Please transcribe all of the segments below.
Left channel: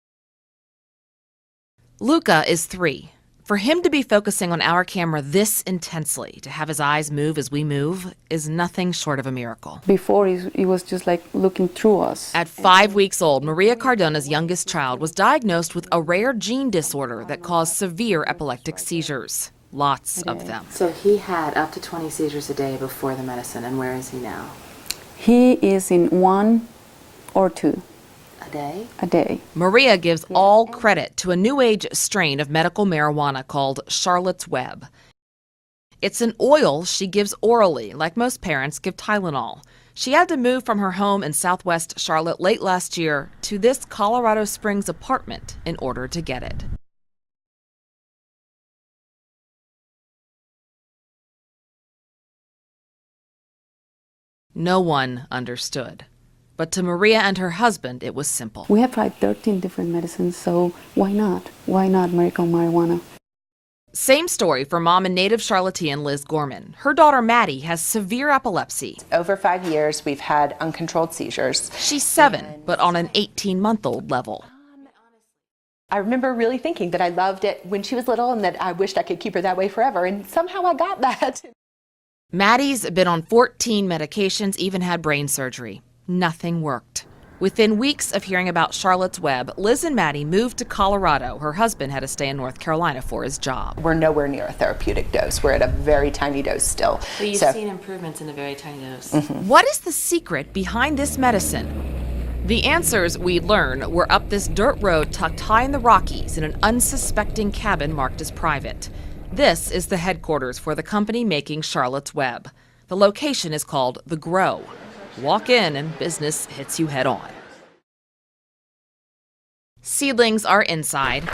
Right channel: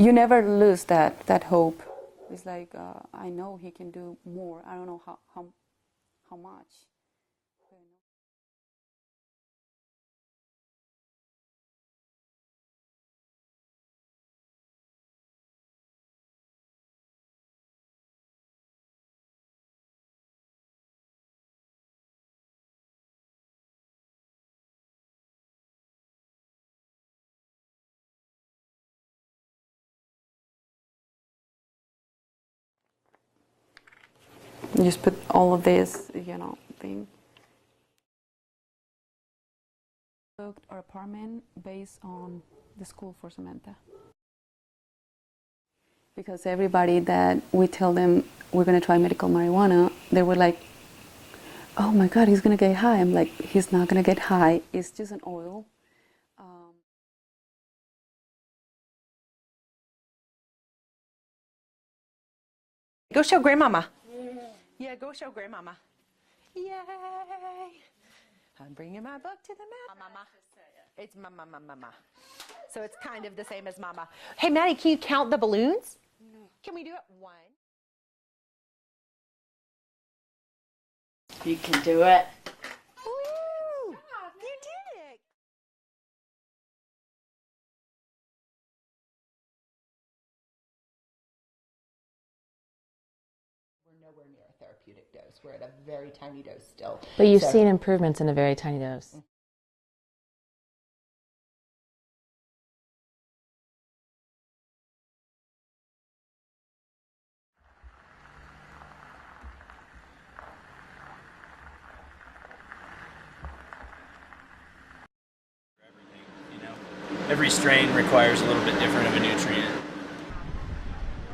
You never lose that hope. Luca is 3. For him to be focusing on our camera this intensely, to have his eyes move as we move, is nothing short of a miracle. Before, he was just like looking through us. At 5 weeks old, Maria Cardona's youngest child was diagnosed with a rare gene disorder that caused severe epileptic seizures. Lots of them. So he had up to 20 seizures a day before the medicine, and where is he now? He is in 1 or 2. A day. Maria gives all credit to a new age strain of medical marijuana called Charlotte's Web. You just put all of this. It's an oil she gives orally, like most parents give Tylenol. She had to move from her home in southwest Charlotte late last year to this Colorado Springs apartment in order to get it. Everybody that we tell them we're going to try medical marijuana, they were like, oh my God, he's going to get high. I'm like, he's not going to get high. No one understood. But to Maria and her husband, it was simple. We have tried 13 different medicines, so why not? Why not medical marijuana? Go show Grandmama. Same story for mom and native Charlottean Liz Gorman. Her daughter Maddie has severe epilepsy. Over 5 years, we've had uncontrolled seizures. She's 7, but on an 18-month-old level. Hey, Maddie, can you count the balloons? I remember really thinking that I loved it when she was little and that I wished I could keep her that way forever, and somehow I got that. You can do it. Maddie's been on 14 medications, even had brain surgery. Nothing worked. Within weeks of hearing about Charlotte's Web, Liz and Maddie moved to Colorado. Her husband had to stay in North Carolina for his job. We're nowhere near a therapeutic dose. We're at a very tiny dose still. But you've seen improvements in a very tiny dose. What is the secret behind this medicine? The answers we learn were up this dirt road tucked high in the Rockies in an unsuspecting cabin marked as private. This is the headquarters for the company making Charlotte's Web. The location is called The Grow. Walk in and business hits you head on. Every strain requires a little bit different of a nutrient. Seedlings are inside,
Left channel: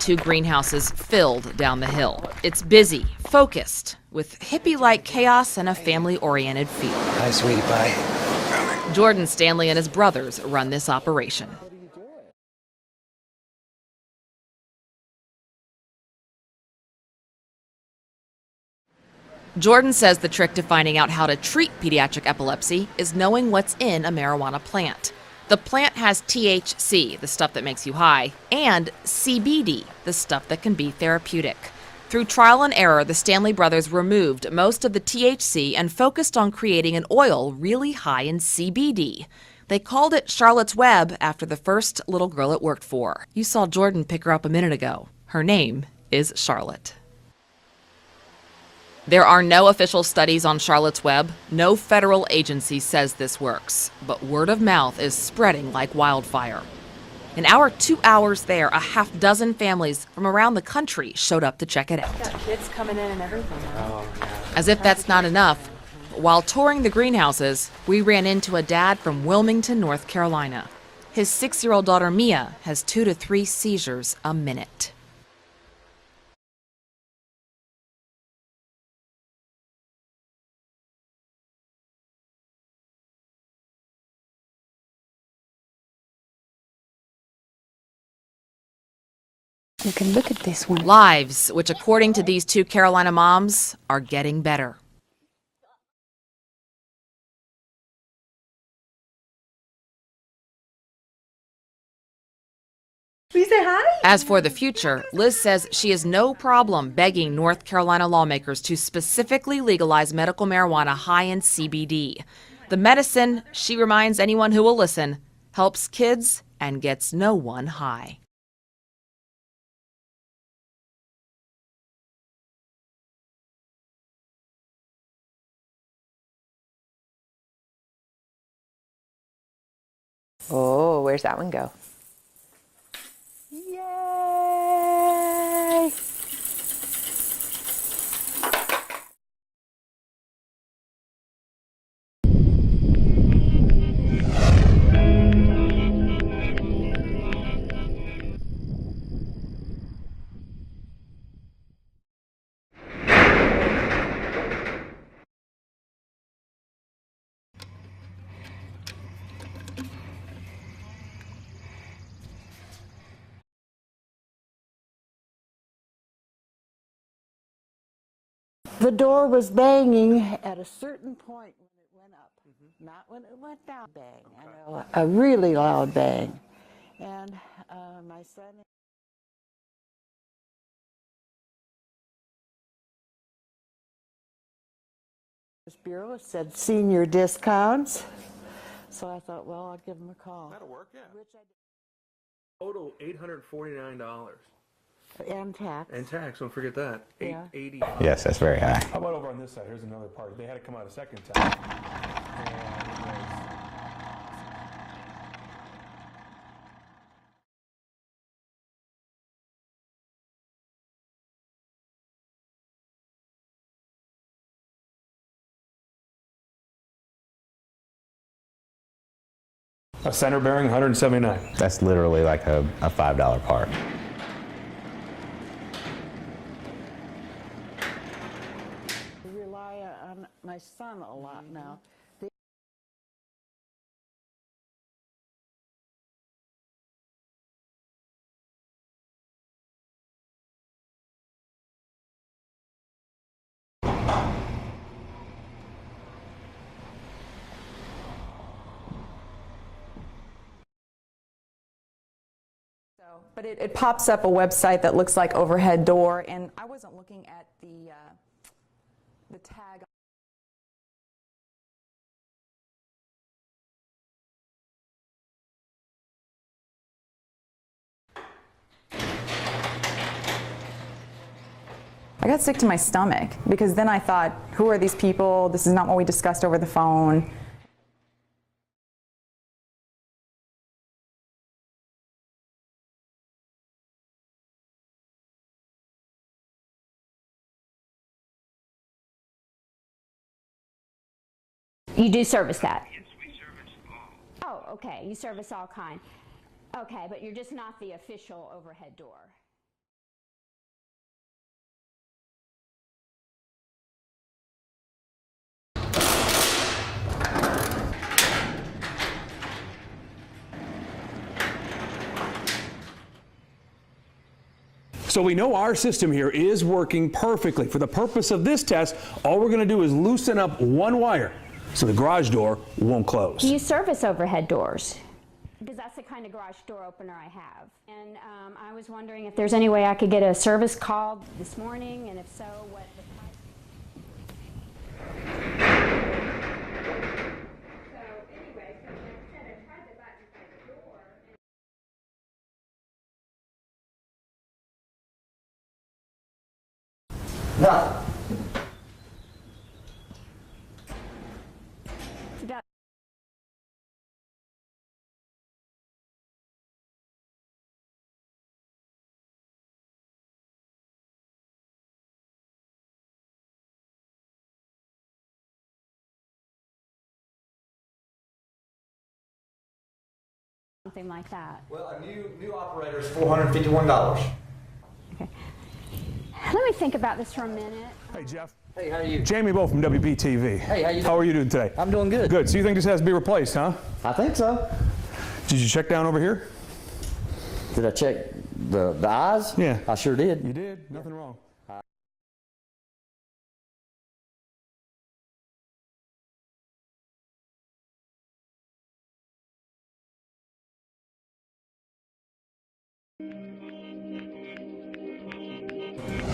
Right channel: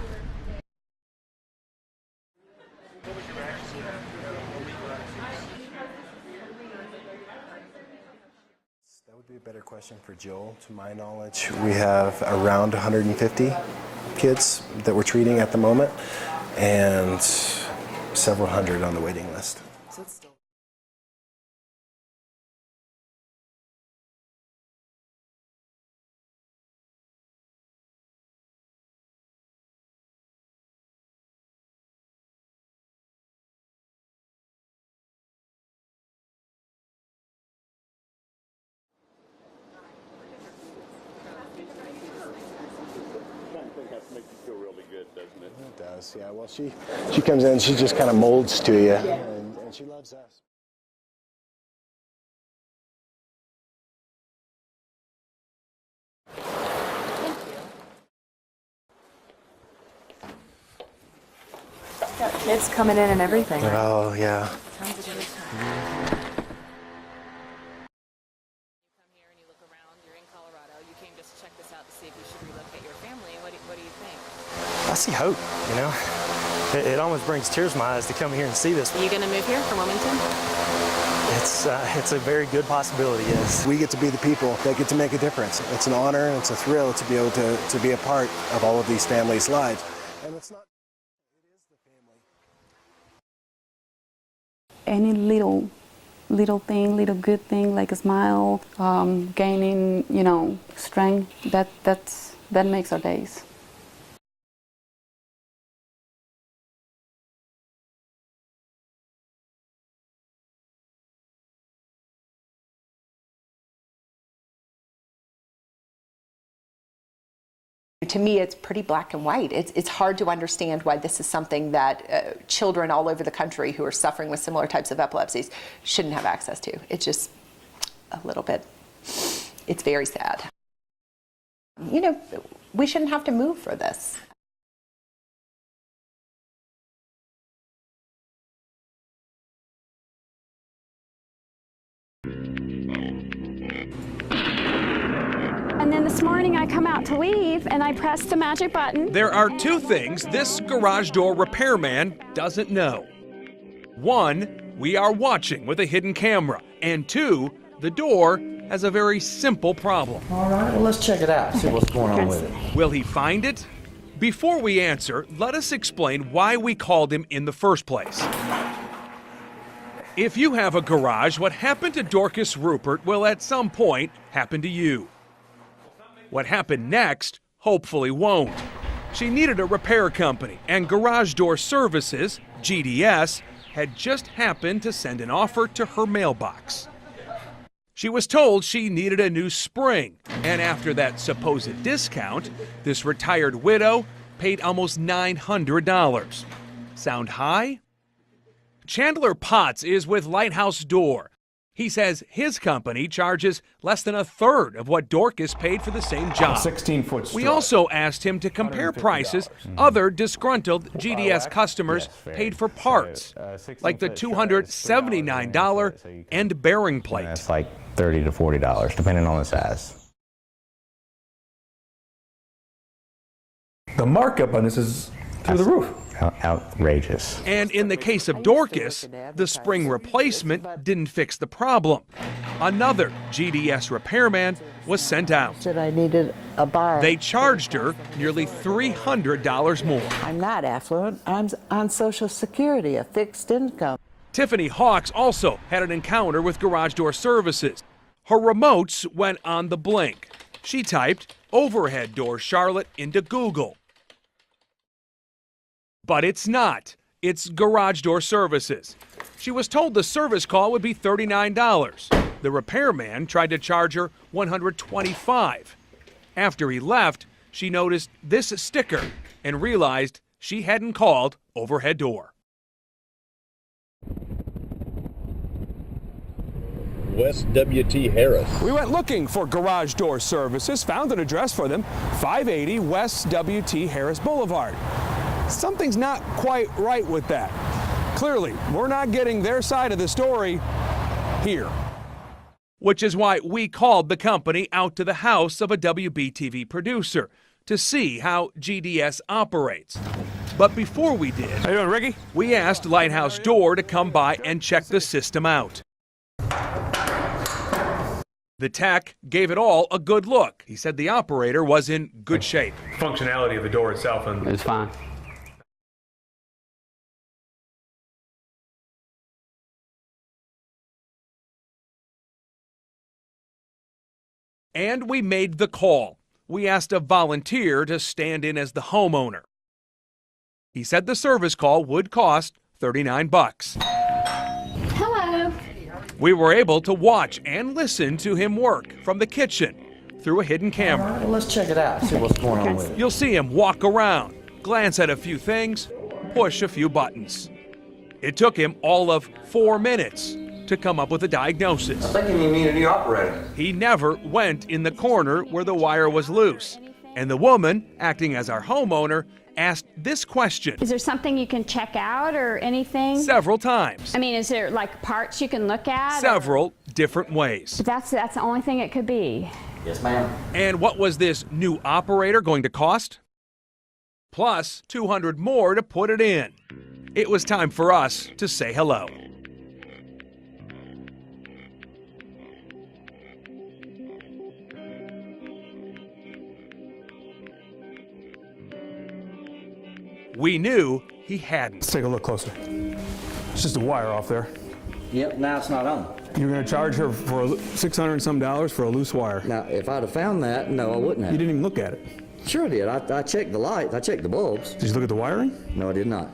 2 greenhouses filled down the hill. It's busy, focused, with hippie-like chaos and a family-oriented feel. Hi, sweetie pie. Jordan Stanley and his brothers run this operation. We have around 150 kids that we're treating at the moment, and several hundred on the waiting list. Jordan says the trick to finding out how to treat pediatric epilepsy is knowing what's in a marijuana plant. The plant has THC, the stuff that makes you high, and CBD, the stuff that can be therapeutic. Through trial and error, the Stanley brothers removed most of the THC and focused on creating an oil really high in CBD. They called it Charlotte's Web after the first little girl it worked for. You saw Jordan pick her up a minute ago. Her name is Charlotte. She comes in, she just kind of molds to you. There are no official studies on Charlotte's Web. No federal agency says this works. But word of mouth is spreading like wildfire. In our 2 hours there, a half-dozen families from around the country showed up to check it out. Got kids coming in and everything. Oh, yeah. As if that's not enough, while touring the greenhouses, we ran into a dad from Wilmington, North Carolina. His 6-year-old daughter, Mia, has 2 to 3 seizures a minute. I see hope, you know. It almost brings tears to my eyes to come here and see this. Are you going to move here from Wilmington? It's a very good possibility, yes. We get to be the people that get to make a difference. It's an honor and it's a thrill to be able to be a part of all of these families' lives. You can look at this one. Lives, which according to these 2 Carolina moms, are getting better. Any little thing, little good thing, like a smile, gaining, strength, that makes our days. Will you say hi? As for the future, Liz says she has no problem begging North Carolina lawmakers to specifically legalize medical marijuana high in CBD. The medicine, she reminds anyone who will listen, helps kids and gets no one high. To me, it's pretty black and white. It's hard to understand why this is something that children all over the country who are suffering with similar types of epilepsies shouldn't have access to. It's just a little bit, it's very sad. Oh, where's that one go? We shouldn't have to move for this. To leave, and I pressed the magic button. There are 2 things this garage door repairman doesn't know. 1, we are watching with a hidden camera. And 2, the door has a very simple problem. All right, well, let's check it out, see what's going on with it. Will he find it? Before we answer, let us explain why we called him in the first place. The door was banging. If you have a garage, what happened to Dorcas Rupert will at some point happen to you. A really loud bang. What happened next hopefully won't. She needed a repair company, and Garage Door Services, GDS, had just happened to send an offer to her mailbox. Senior discounts. She was told she needed a new spring, and after that supposed discount, this retired widow paid almost $900. Sound high? Yes, that's very high. Chandler Potts is with Lighthouse Door. He says his company charges less than a third of what Dorcas paid for the same job. 16-foot We also asked him to compare prices other disgruntled GDS customers paid for parts, like the $279 end bearing plate. That's like $30 to $40, depending on the size. A center bearing, $179. That's literally like a $5 part. The markup on this is through the roof. Outrageous. And in the case of Dorcas, the spring replacement didn't fix the problem. Another GDS repairman was sent out. Said I needed a bar. They charged her nearly $300 more. I'm not affluent. I'm on Social Security, a fixed income. Tiffany Hawks also had an encounter with Garage Door Services. Her remotes went on the blink. She typed overhead door Charlotte into Google. It pops up a website that looks like overhead door. But it's not. It's Garage Door Services. She was told the service call would be $39. The repairman tried to charge her $125. After he left, she noticed this sticker and realized she hadn't called overhead door. I got sick to my stomach because then I thought, who are these people? This is not what we discussed over the phone. West W.T. Harris. We went looking for Garage Door Services, found an address for them, 580 West W.T. Harris Boulevard. Something's not quite right with that. Clearly, we're not getting their side of the story here. You do service that. Which is why we called the company out to the house of a WBTV producer to see how GDS operates. But before we did, How you doing, Ricky? we asked Lighthouse Door to come by and check the system out. The tech gave it all a good look. He said the operator was in good shape. Functionality of the door itself. It's fine. So we know our system here is working perfectly. For the purpose of this test, all we're going to do is loosen up one wire so the garage door won't close. Do you service overhead doors? And we made the call. We asked a volunteer to stand in as the homeowner. If there's any way I could get a service He call? said the service call would cost $39. Hello. We were able to watch and listen to him work from the kitchen through a hidden camera. Well, let's check it out, see what's going on with it. You'll see him walk around, glance at a few things, push a few buttons. It took him all of 4 minutes to come up with a diagnosis. I think you need a new operator. He never went in the corner where the wire was loose. And the woman, acting as our homeowner, asked this question Is there something you can check out or anything? several times, I mean, is there like parts you can look at? several different ways. That's the only thing it could be. Yes, ma'am. And what was this new operator going to cost? $451. Plus 200 more to put it in. Let me think about this. It was time for us to say hello. Jamie Bow from WBTV. Hey, how are you doing today? I'm doing good. Good. So you think this has to be replaced, huh? I think so. Did you check down over here? Did I check the eyes? Yeah. I sure did. We knew he hadn't. Let's take a look closer. It's just a wire off there. Yep, now it's not on. You're going to charge her for $600 and some for a loose wire. Now, if I'd have found that, no, I wouldn't have. You didn't even look at it. Sure I did. I checked the lights. I checked the bulbs. Did you look at the wiring? No, I did not.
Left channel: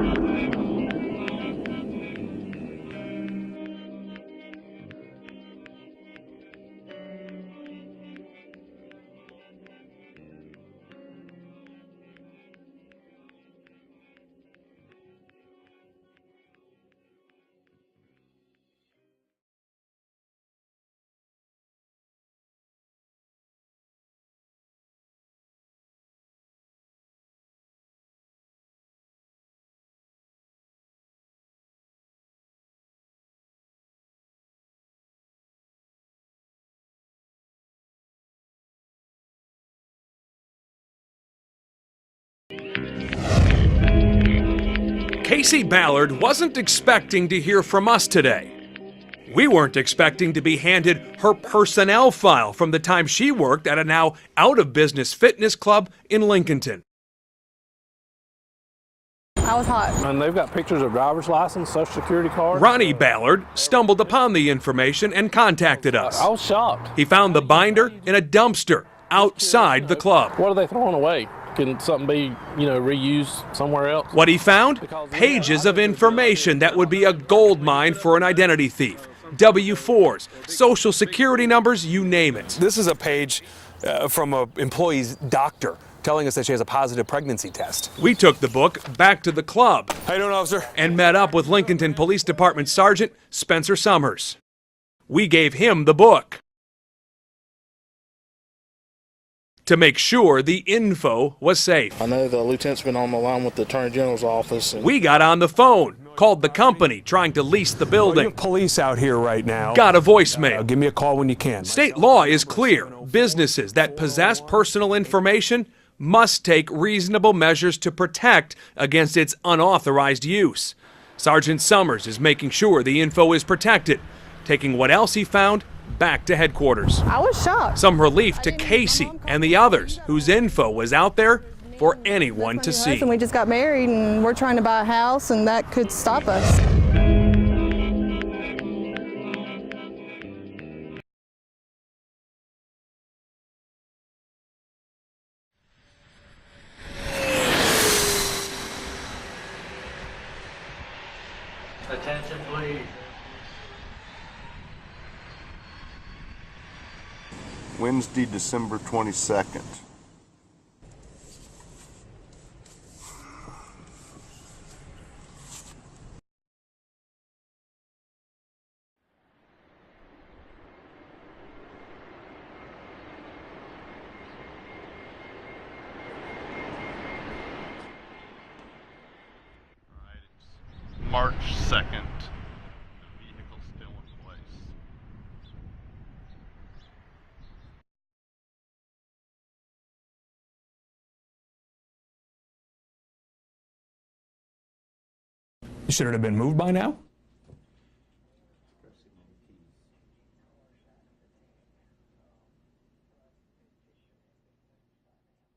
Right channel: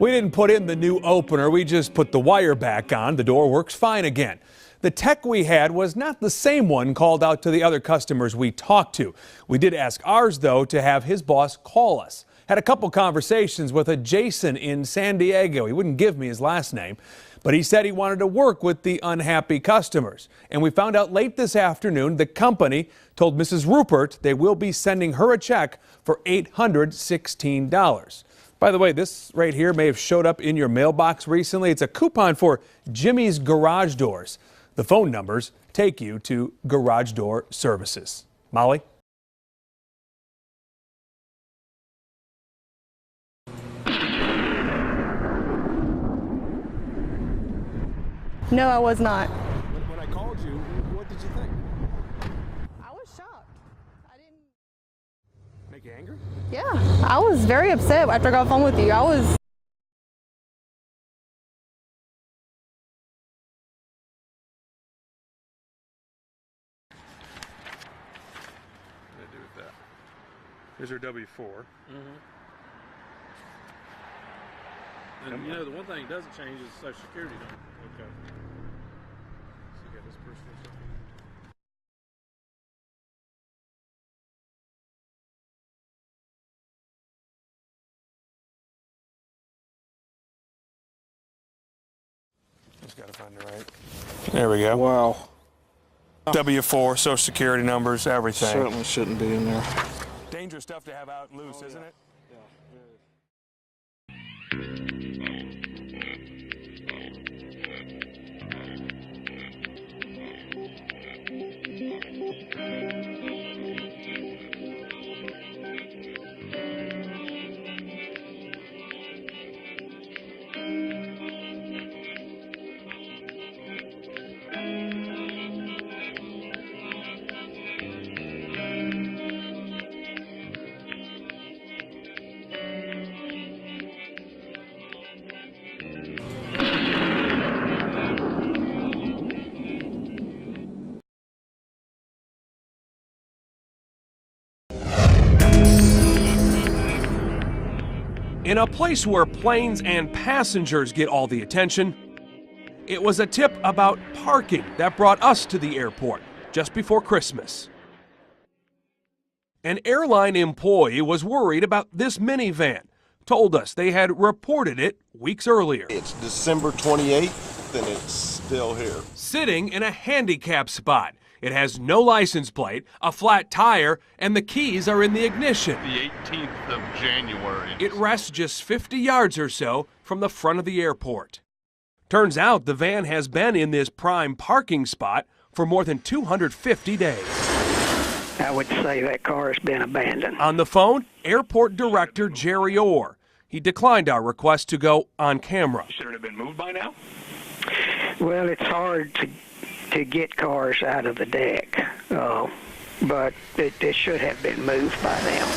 We didn't put in the new opener, we just put the wire back on. The door works fine again. The tech we had was not the same one called out to the other customers we talked to. We did ask ours, though, to have his boss call us. Had a couple conversations with a Jason in San Diego. He wouldn't give me his last name, but he said he wanted to work with the unhappy customers. And we found out late this afternoon the company told Mrs. Rupert they will be sending her a check for $816. By the way, this right here may have showed up in your mailbox recently. It's a coupon for Jimmy's Garage Doors. The phone numbers take you to Garage Door Services. Molly? Casey Ballard wasn't expecting to hear from us today. No, I was not. We weren't expecting to be handed her personnel file from the time she worked at a now out-of-business fitness club in Lincolnton. Yeah, I was very upset after I got off the phone with you. I was hot. And they've got pictures of driver's license, social security card. Ronnie Ballard stumbled upon the information and contacted us. I was shocked. He found the binder in a dumpster outside the club. What are they throwing away? Can something be, reused somewhere else? What he found? Pages of information that would be a gold mine for an identity thief. W-4s, social security numbers, you name it. This is a page from an employee's doctor telling us that she has a positive pregnancy test. We took the book back to the club. How you doing, officer? And met up with Lincolnton Police Department Sergeant Spencer Summers. There we go. Wow. We gave him the book. W-4, social security numbers, everything. Certainly shouldn't be in there. To make sure the info was safe. I know the lieutenant's been on the line with the Attorney General's office. We got on the phone, called the company trying to lease the building. Well, you have police out here right now. Got a voicemail. Give me a call when you can. State law is clear. Businesses that possess personal information must take reasonable measures to protect against its unauthorized use. Sergeant Summers is making sure the info is protected, taking what else he found back to headquarters. I was shocked. Some relief to Casey and the others whose info was out there for anyone to see. And we just got married and we're trying to buy a house and that could stop us. In a place where planes and passengers get all the attention, it was a tip about parking that brought us to the airport just before Christmas. Wednesday, December 22nd. An airline employee was worried about this minivan. Told us they had reported it weeks earlier. It's December 28th and it's still here. Sitting in a handicap spot. It has no license plate, a flat tire, and the keys are in the ignition. The 18th of January. It rests just 50 yards or so from the front of the airport. March 2nd. Turns out the van has been in this prime parking spot for more than 250 days. I would say that car has been abandoned. On the phone, Airport Director Jerry Orr. He declined our request to go on camera. Should it have been moved by now? Well, it's hard to get cars out of the deck, but it should have been moved by now.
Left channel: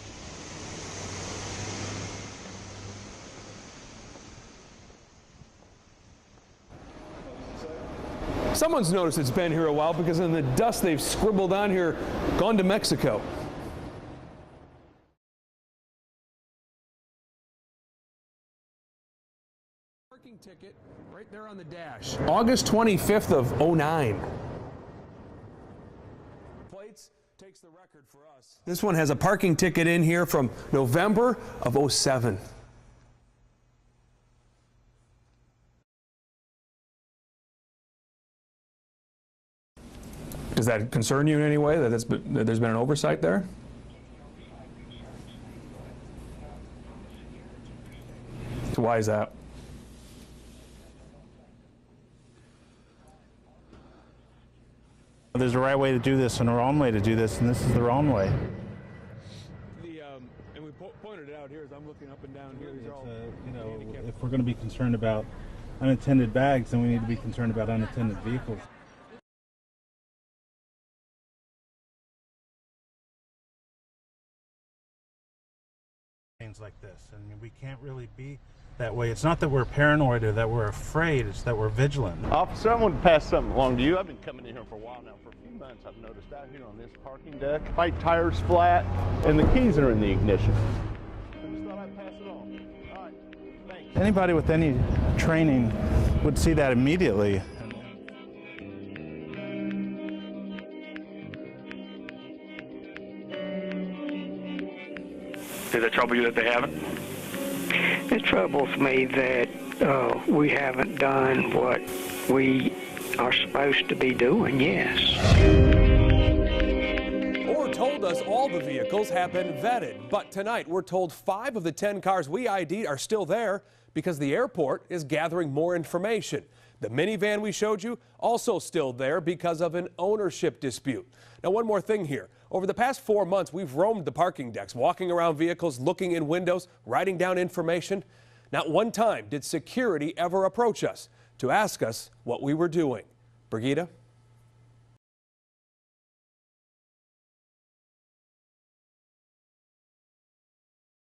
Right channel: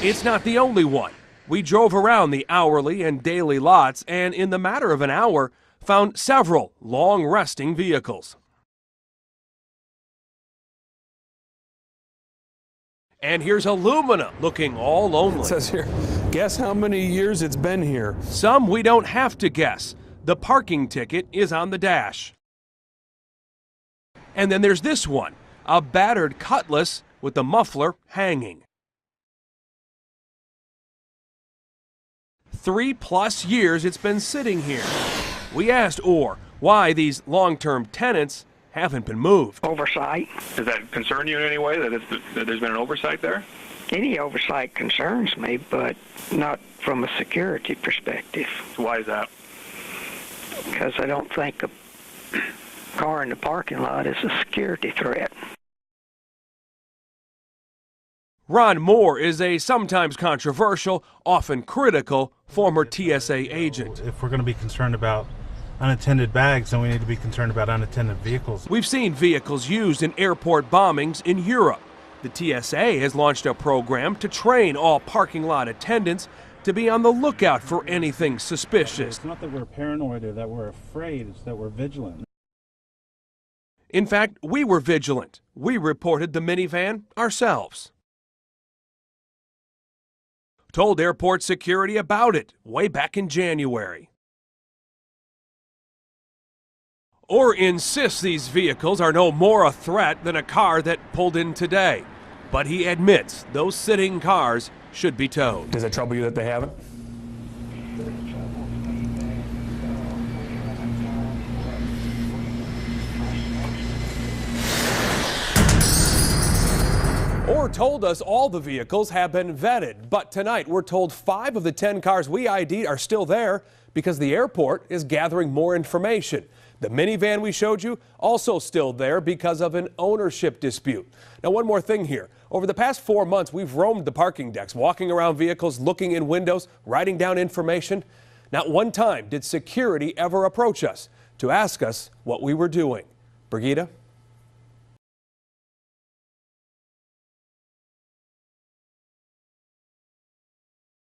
It's not the only one. We drove around the hourly and daily lots and in the matter of an hour found several long resting vehicles. Someone's noticed it's been here a while because in the dust they've scribbled on here, gone to Mexico. And here's Illumina looking all lonely. It says here, guess how many years it's been here. Some we don't have to guess. The parking ticket is on the dash. August 25th of +09. And then there's this one, a battered Cutlass with the muffler hanging. This one has a parking ticket in here from November of '07. 3+ years it's been sitting here. We asked Orr why these long-term tenants haven't been moved. Oversight. Does that concern you in any way, that there's been an oversight there? Any oversight concerns me, but not from a security perspective. So why is that? Because I don't think a car in the parking lot is a security threat. There's a right way to do this and a wrong way to do this, and this is the wrong way. Ron Moore is a sometimes controversial, often critical former TSA agent. If we're going to be concerned about unattended bags, then we need to be concerned about unattended vehicles. We've seen vehicles used in airport bombings in Europe. The TSA has launched a program to train all parking lot attendants to be on the lookout for anything suspicious. It's not that we're paranoid or that we're afraid, it's that we're vigilant. Officer, I want to pass something along to you. In fact, we were vigilant. We reported the minivan ourselves. Right tire's flat and the keys are in the ignition. Told airport security about it way back in January. Anybody with any training would see that immediately. Or insist these vehicles are no more a threat than a car that pulled in today. But he admits those sitting cars should be towed. Does it trouble you that they haven't? It troubles me that we haven't done what we are supposed to be doing, yes. Orr told us all the vehicles have been vetted, but tonight we're told 5 of the 10 cars we ID'd are still there because the airport is gathering more information. The minivan we showed you also still there because of an ownership dispute. Now, one more thing here. Over the past 4 months, we've roamed the parking decks, walking around vehicles, looking in windows, writing down information. Not one time did security ever approach us to ask us what we were doing. Brigida?